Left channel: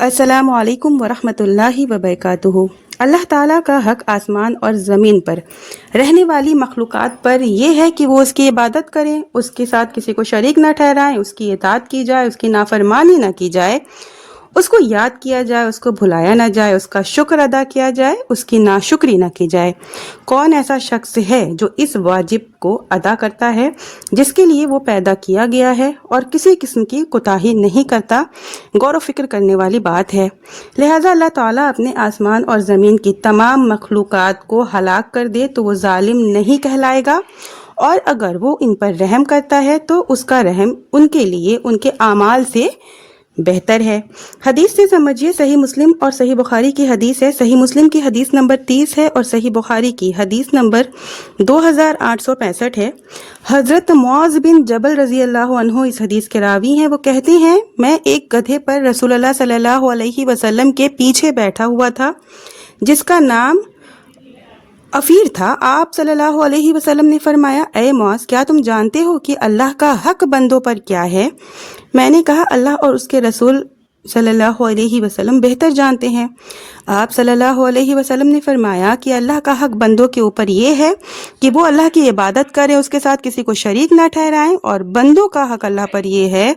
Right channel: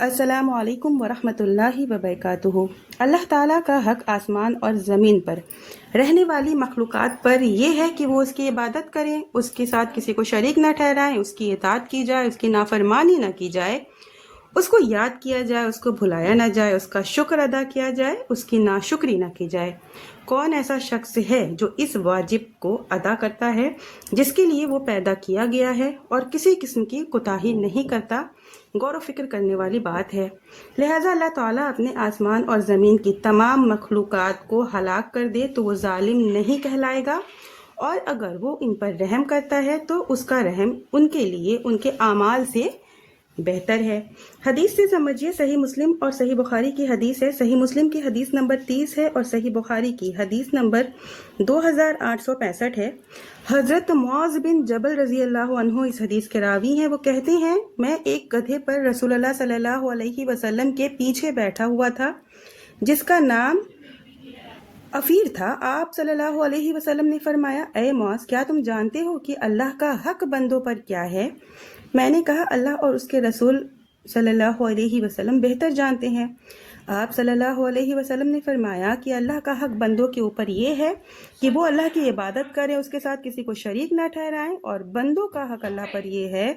अस्सलामु अलैकुम वरहमतुल्लाहि वबरकातुहू। अल्लाह ताला का हक आसमान और ज़मीन पर रहने वाली मखलूक़ात पर यह है कि वो उसकी इबादत करें, उसके साथ किसी को शरीक न ठहराएं, उसकी इताअत की जाए, उसकी नाफरमानी न की जाए, उसको याद किया जाए, उसको भुलाया न जाए, उसका शुक्र अदा किया जाए, उसकी नाशुक्री न की जाए। कौन ऐसा शख्स है जो इस वाजिब को अदा करता है जिसके लिए वो पैदा किया गया है और किसी किस्म की कोताही नहीं करता। गौर व फिक्र करने वाली बात है। लिहाजा अल्लाह ताला अपने आसमान और ज़मीन की तमाम मखलूक़ात को हलाक कर दे तो वो जालिम नहीं कहलाएगा, और अगर वो इन पर रहम करता है तो उसका रहम उनके लिए उनके आमाल से बेहतर है। हदीस से समझिए, सही मुस्लिम और सही बुखारी की हदीस है। सही मुस्लिम की हदीस नंबर 30 है और सही बुखारी की हदीस नंबर 2865 है। हज़रत मुआज़ बिन जबल रज़ी अल्लाह अन्हु इस हदीस के रावी हैं। वो कहते हैं, मैं एक गधे पर रसूलुल्लाह सल्लल्लाहु अलैहि वसल्लम के पीछे बैठा हुआ था जिसका नाम अफीर था। आप सल्लल्लाहु अलैहि वसल्लम ने फरमाया, ए मुआज़, क्या तुम जानते हो कि अल्लाह का हक बंदों पर क्या है? मैंने कहा, अल्लाह और उसके रसूल सल्लल्लाहु अलैहि वसल्लम बेहतर जानते हैं। आप सल्लल्लाहु अलैहि वसल्लम ने फरमाया कि अल्लाह का हक बंदों के ऊपर ये है कि वो अल्लाह की इबादत करें, उसके साथ किसी को शरीक ना ठहराएं, और बंदों का हक अल्लाह पर ये है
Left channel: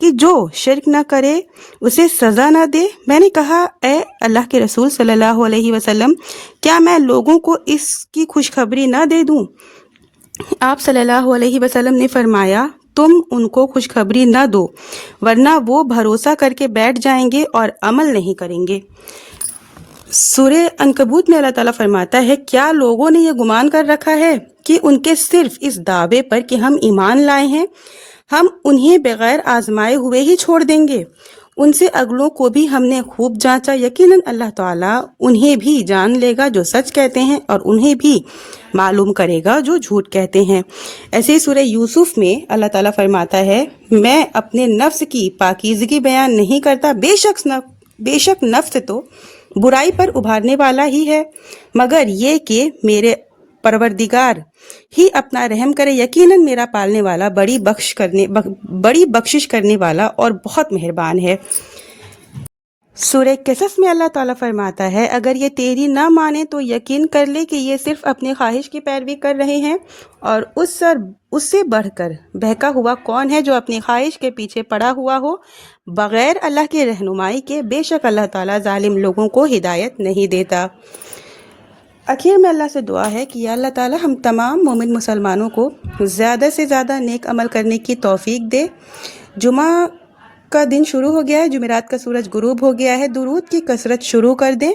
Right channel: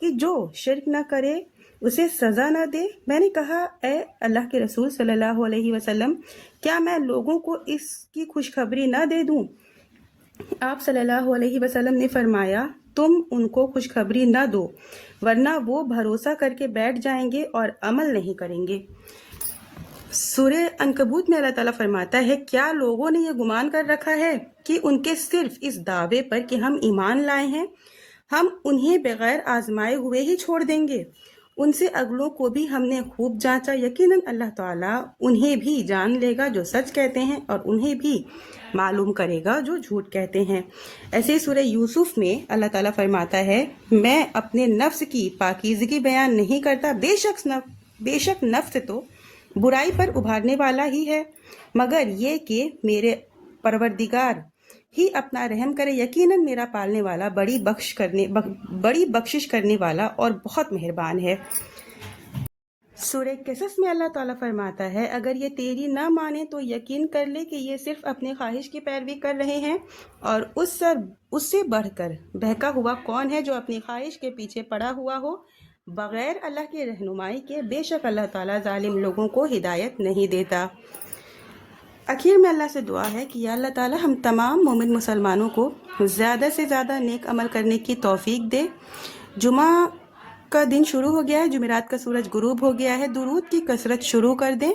कि जो शिरक ना करे उसे सज़ा ना दे। मैंने कहा, ए अल्लाह के रसूल सल्लल्लाहु अलैहि वसल्लम, क्या मैं लोगों को इसकी खुशखबरी ना दे दूं? आप सल्लल्लाहु अलैहि वसल्लम ने फरमाया, तुम उनको खुशखबरी न दो, वरना वो भरोसा करके बैठ जाएंगे और अमल नहीं करेंगे। सूरह अनकबूत में अल्लाह ताला फरमाता है, क्या लोगों ने यह गुमान कर रखा है कि उनके सिर्फ इस दावे पर कि हम ईमान लाए हैं, हम उन्हें बगैर आजमाए हुए ही छोड़ देंगे? उनसे अगलों को भी हमने खूब जांचा, यकीनन अल्लाह ताला उन्हें भी जान लेगा जो सच कहते हैं और उन्हें भी मालूम करेगा जो झूठ कहते हैं। ऐसे ही सूरह यूसुफ में अल्लाह ताला फरमाता है, मैं अपने नफ्स की पाकीज़गी बयान नहीं करता, बेशक नफ्स तो बुराई पर उभारने वाला ही है, मगर ये कि मेरे परवरदिगार ही अपना रहम करे, यकीनन मेरा पालने वाला बड़ी बख्शिश करने वाला और बहुत मेहरबान है। सूरह कसस में अल्लाह ताला फरमाता है, अगर ये तेरी ना माने तो यकीन कर ले कि ये सिर्फ अपनी ख्वाहिश की पैरवी कर रहे हैं, और उससे बढ़कर बहका हुआ कौन है जो अपनी ख्वाहिश के पीछे पड़ा हुआ हो बगैर अल्लाह की रहनुमाई के। बेशक अल्लाह ताला जालिम लोगों को हिदायत नहीं देता। आखिर में अल्लाह से दुआ है कि या अल्लाह ताला हम तमाम मोमिन मुसलमानों को ज़्यादा से ज़्यादा नेक अमल करने की तौफीक दे। जुमा का दिन शुरू हो गया है, जुमेरात का सूरज गुरूब हो गया है, दुरूद की कसरत शुरू कर दें।